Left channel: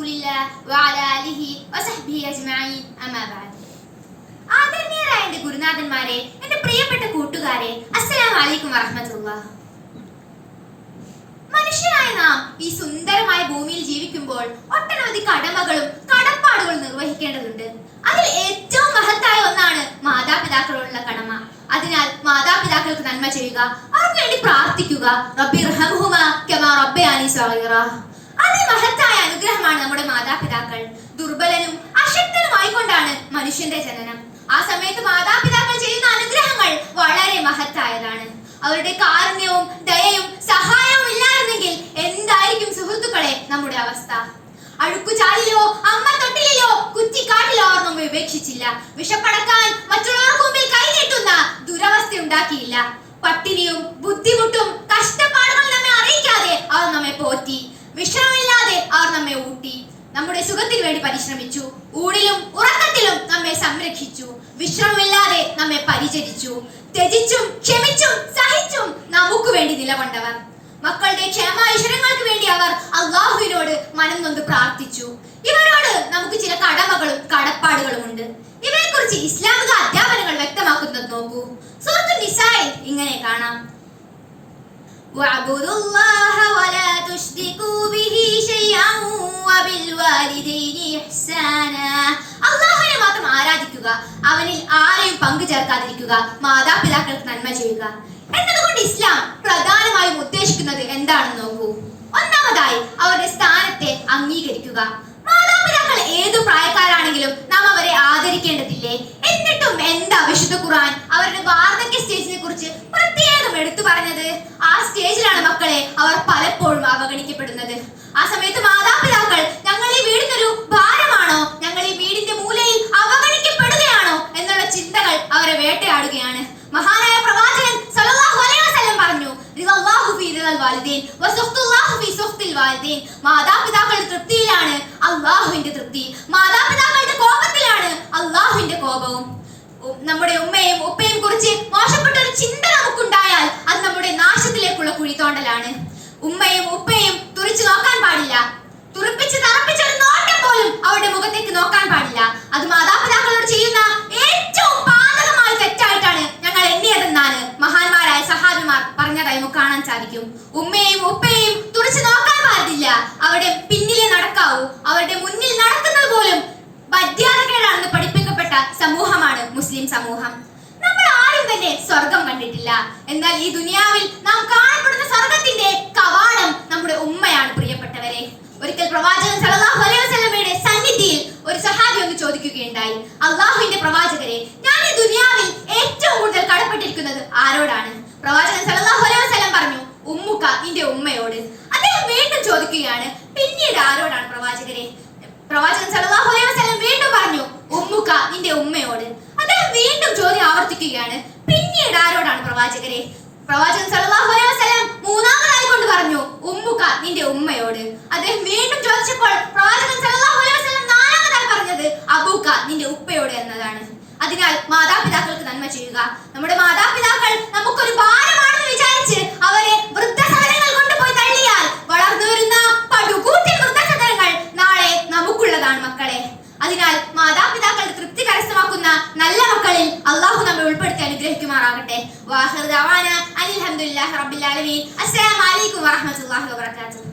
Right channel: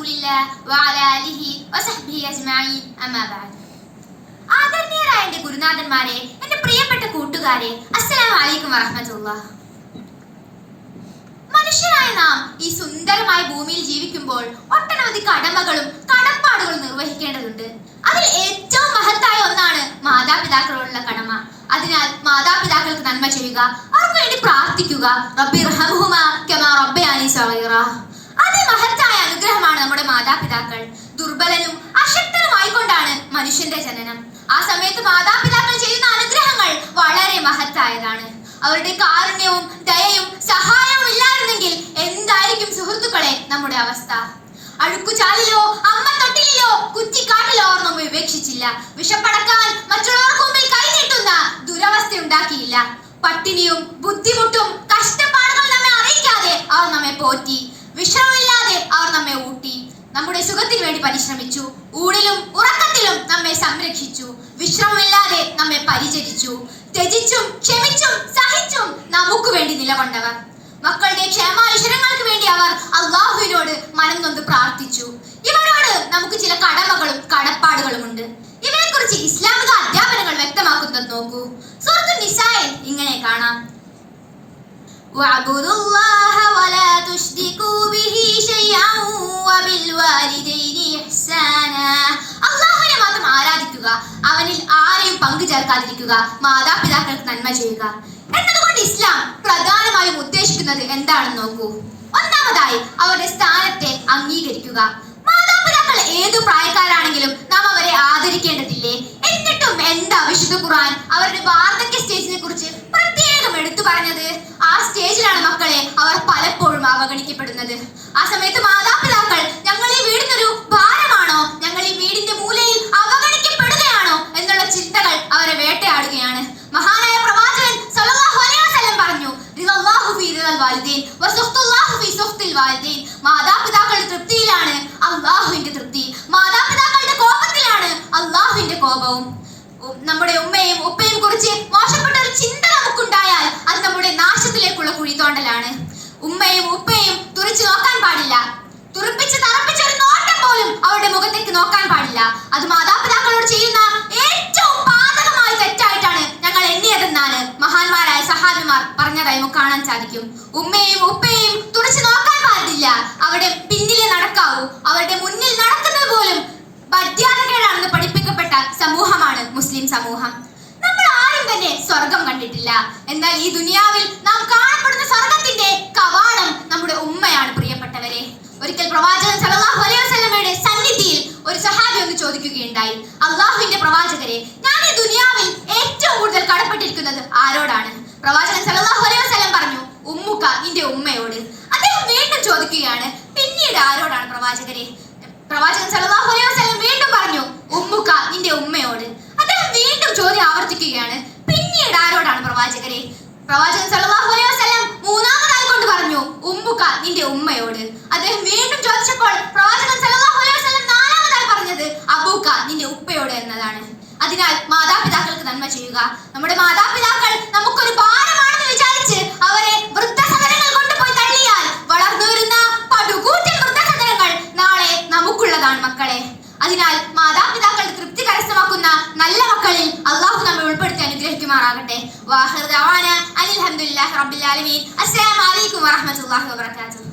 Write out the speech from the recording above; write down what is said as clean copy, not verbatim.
റസൂലില്ലാഹി വഅലാ ആലിഹി വസഹ്ബിഹി അജ്മഈൻ അമ്മാ ബഅദ്. ആദരണീയരായ എൻ്റെ ഗുരുനാഥന്മാരെ, എൻ്റെ പ്രിയപ്പെട്ട കൂട്ടുകാരെ, അസ്സലാമു അലൈക്കും വറഹ്മത്തുള്ളാഹി. മനുഷ്യരായ നാം ഈ സുന്ദരമായ ഭൂമിയിൽ ജീവിക്കുമ്പോൾ ഒട്ടനവധി കടമകളും കടപ്പാടുകളും നിർവഹിക്കേണ്ടതുണ്ട്. അതിൽ ഏറ്റവും മഹത്തായ ഒന്നാണ് മാതാപിതാക്കളോടുള്ള കടമ. അതിനാൽ മാതാപിതാക്കൾക്ക് നന്മ ചെയ്യുക, അവർക്ക് വേണ്ടി പ്രാർത്ഥിക്കുക. റബ്ബിർഹംഹുമാ കമാ റബ്ബയാനി സഗീറ. അതിമഹത്തായ അനുഗ്രഹമാണ് നമ്മുടെ മാതാപിതാക്കൾ. ദുർബലനും അശക്തനുമായിക്കൊണ്ടാണ് മനുഷ്യന്റെ ജനനം. ആ സമയത്ത് മാതാപിതാക്കൾ ചെയ്യുന്ന അനുഗ്രഹങ്ങൾ വളരെ മഹത്തായതാണ്. അവരുടെ കാരുണ്യവും ദയയും സഹായവും ഇല്ലായിരുന്നെങ്കിൽ എന്തായിരിക്കും സുഹൃത്തുക്കളെ നമ്മുടെ അവസ്ഥ? അഴുക്കുചാലിലോ അമ്മ തൊട്ടിലോ കുറ്റിക്കാട്ടിലോ അവർ നമ്മെ ഉപേക്ഷിച്ചില്ല. വിഷപ്പടക്കാൻ മറ്റുള്ളവർക്ക് മുമ്പിൽ കൈനീട്ടുന്ന ദുരവസ്ഥ ഉണ്ടാക്കിയില്ല. പട്ടിണിയും ബുദ്ധിമുട്ടും കഷ്ടപ്പാടുകളും നമ്മെ അറിയിക്കാതെ അവർ നമ്മെ പോറ്റി. വിഷമില്ലാതെ അവർ നമ്മെ ഊട്ടി. നമ്മുടെ സുഖത്തിന് വേണ്ടി പരിശ്രമിച്ചു. ഊണിലും ഉറക്കത്തിലും നമ്മെ സംരക്ഷിച്ചു. വിശ്രമമില്ലാതെ നമ്മെ പരിചരിച്ചു. ത്യജിച്ചും ക്ഷമിച്ചും സഹിച്ചും നമുക്ക് വേണ്ടി നിലകൊണ്ടവർ. മക്കളുടെ ക്ഷേമായിശ്വരങ്ങൾക്ക് വേണ്ടി അവർ അള്ളാഹുവിനോട് മനം നൊന്ത് പ്രാർത്ഥിച്ചു. ഇവരോട് നമുക്ക് ചില കടമകളും കടപ്പാടുകളും ഉണ്ട്. ഇവയെക്കുറിച്ച് ഇസ്ലാമിക അധ്യാപനങ്ങൾ വ്യക്തമാക്കുന്നത് നോക്കൂ. സൂറത്തുൻ നിസായിൽ ഇങ്ങനെ കാണാം: വഅബ്ദുല്ലാഹ വലാ തുശ്രികൂ ബിഹി ശൈഅൻ വബിൽവാലിദൈനി ഇഹ്സാനാ. അല്ലാഹുവിനെ മാത്രം ആരാധിക്കുക, അവനിൽ ആരെയും പങ്കു ചേർക്കാതിരിക്കുക, മാതാപിതാക്കൾക്ക് നന്മ ചെയ്യുക. എന്നതുകൊണ്ട് ഇസ്ലാം പ്രധാനമായും ഉദ്ദേശിക്കുന്നത് എന്താണെന്ന് നോക്കൂ. ഒന്നാമതായി അവരുടെ സ്ഥാനത്തെ അംഗീകരിക്കുക. മാതാപിതാക്കൾ ഏതു പ്രായക്കാരാണെങ്കിലും നാം അവരെ ആദരിക്കേണ്ടതില്ലേ? എന്നിട്ടും എന്താ വിശുദ്ധ ഖുർആൻ അവരുടെ വാർദ്ധക്യ സ്റ്റേജിനെ കുറിച്ച് പ്രത്യേകം എടുത്തു പറഞ്ഞത്? ആ സ്റ്റേജിലാണ് മക്കളെ അവർ പലപ്പോഴും അവഗണിക്കപ്പെടുന്നത്. ആ സമയത്ത് മാതാപിതാക്കൾ ഞങ്ങൾ ഈ വീടിനൊരു ഭാരമാണോ, ഞങ്ങൾ ഈ വീടിന്റെ മൂലയിൽ അവഗണിക്കപ്പെടുകയാണോ എന്നുള്ള ചിന്തകൾ അവരെ വേട്ടയാടുകയാണ്. മഹാനായ പ്രവാചകൻ സല്ലല്ലാഹു അലൈഹി വസല്ലം പറഞ്ഞു: റിദല്ലാഹു ഫീ റിദൽ വാലിദൈൻ വസുഖ്തുല്ലാഹു ഫീ സുഖ്തിൽ വാലിദൈൻ. മാതാപിതാക്കളുടെ തൃപ്തിയിലാണ് അല്ലാഹുവിന്റെ തൃപ്തി, മാതാപിതാക്കളുടെ കോപത്തിലാണ് അല്ലാഹുവിന്റെ കോപവും. നമ്മുടെ ഉമ്മയും ഉപ്പയും കുറിച്ച് മോശപ്പെട്ട ഒരു ചിന്ത നമുക്കുണ്ടായാൽ അത് നമ്മുടെ നാശത്തിലേക്കുള്ള കുഴിത്തോണ്ടലാണ്. ഉമ്മയും ഉപ്പയും തുറിച്ചു നോക്കാൻ പാടില്ല. തുറപ്പിച്ച് തറപ്പിച്ച ഒരു നോട്ടം പോലും അവരുടെ മുഖത്തേക്ക് നോക്കാൻ പാടില്ല. അത് മാതാപിതാക്കളോട് ചെയ്യുന്ന ഏറ്റവും പാതകമായ തെറ്റായിട്ടാണ് ഞങ്ങൾ എണ്ണിയതെന്നാണ് മഹാന്മാരായ സഹാബിമാർ പറഞ്ഞതായി നമുക്ക് കാണാൻ സാധിക്കും. ഉമ്മയും ഉപ്പയും തുറച്ചു നോക്കാൻ പാടില്ല. അവരുടെ പിന്നിലെ നടക്കാവൂ. അവരുടെ മുന്നിൽ നടക്കുന്നത് പോലും മര്യാദകേടാണെന്ന് പഠിപ്പിക്കപ്പെട്ട സമൂഹമാണ് മുസ്ലിം സമൂഹം. നമ്മൾ ആരും തന്നെ സ്വർഗം കണ്ടിട്ടില്ല. എന്നാൽ ഈ ദുനിയാവിൽ നാം കാണപ്പെടുന്ന സ്വർഗത്തിന്റെ കവാടം നമ്മുടെ ഉമ്മയാണ്. പ്രിയപ്പെട്ടവരെ, ഒരിക്കൽ പ്രവാചകൻ സല്ലല്ലാഹു അലൈഹി വസല്ലമയുടെ സന്നിധിയിൽ ഒരു സഹാബി ഒന്ന് ചോദിക്കുകയുണ്ടായി: അല്ലാഹുവിന്റെ പ്രവാചകരെ, ഞാൻ ഈ ദുനിയാവിൽ ഏറ്റവും കൂടുതൽ കടപ്പെട്ടിരിക്കുന്നത് ആരോടാണ്? പ്രവാചകൻ സല്ലല്ലാഹു അലൈഹി വസല്ലം പറഞ്ഞു: ഉമ്മുക, നിന്റെ ഉമ്മയോട്. അദ്ദേഹം വീണ്ടും ചോദിക്കുകയാണ്: പിന്നീട് ആരോടാണ് പ്രവാചകരെ? പ്രവാചകൻ സല്ലല്ലാഹു അലൈഹി വസല്ലം വീണ്ടും പറഞ്ഞു: ഉമ്മുക, നിന്റെ ഉമ്മയോട്. അദ്ദേഹം വീണ്ടും ചോദ്യം ആവർത്തിക്കുകയാണ്: പിന്നീട് ആരോടാണ് പ്രവാചകരെ? പ്രവാചകൻ സല്ലല്ലാഹു അലൈഹി വസല്ലം മൂന്നാമതായി കൊണ്ട് പറഞ്ഞു: ഉമ്മുക, നിന്റെ ഉമ്മയോട്. അദ്ദേഹം വീണ്ടും ചോദിച്ചപ്പോൾ പ്രവാചകൻ സല്ലല്ലാഹു അലൈഹി വസല്ലം നാലാമതായി പറഞ്ഞത് അബൂക, നിന്റെ ഉപ്പയോട് എന്നതാണ്. അതിനാൽ മാതാപിതാക്കൾക്ക് നന്മ ചെയ്യുക. നമ്മുടെ മാതാപിതാക്കൾ നമുക്കൊരു ഭാരമാണെന്ന് വിചാരിച്ച് അവരെ വൃദ്ധസദനങ്ങൾ കൊണ്ടുപോയി തള്ളിയാൽ വളർന്നു വരുന്ന പടുകൂറ്റൻ വൃദ്ധസദനങ്ങൾ നാളെ നമുക്കുള്ളതാണ് മക്കളെ. അതിനാൽ മാതാപിതാക്കളുടെ തൃപ്തി കരസ്ഥമാക്കുന്ന നല്ല മക്കളിൽ അള്ളാഹു നമ്മെ ഉൾപ്പെടുത്തി അനുഗ്രഹിക്കുമാറാകട്ടെ. വാഹിർ ദഅവാന അനിൽ ഹംദുലില്ലാഹി റബ്ബിൽ ആലമീൻ. അസ്സലാമു അലൈക്കും വറഹ്മത്തുള്ളാഹി വബറകാതുഹു.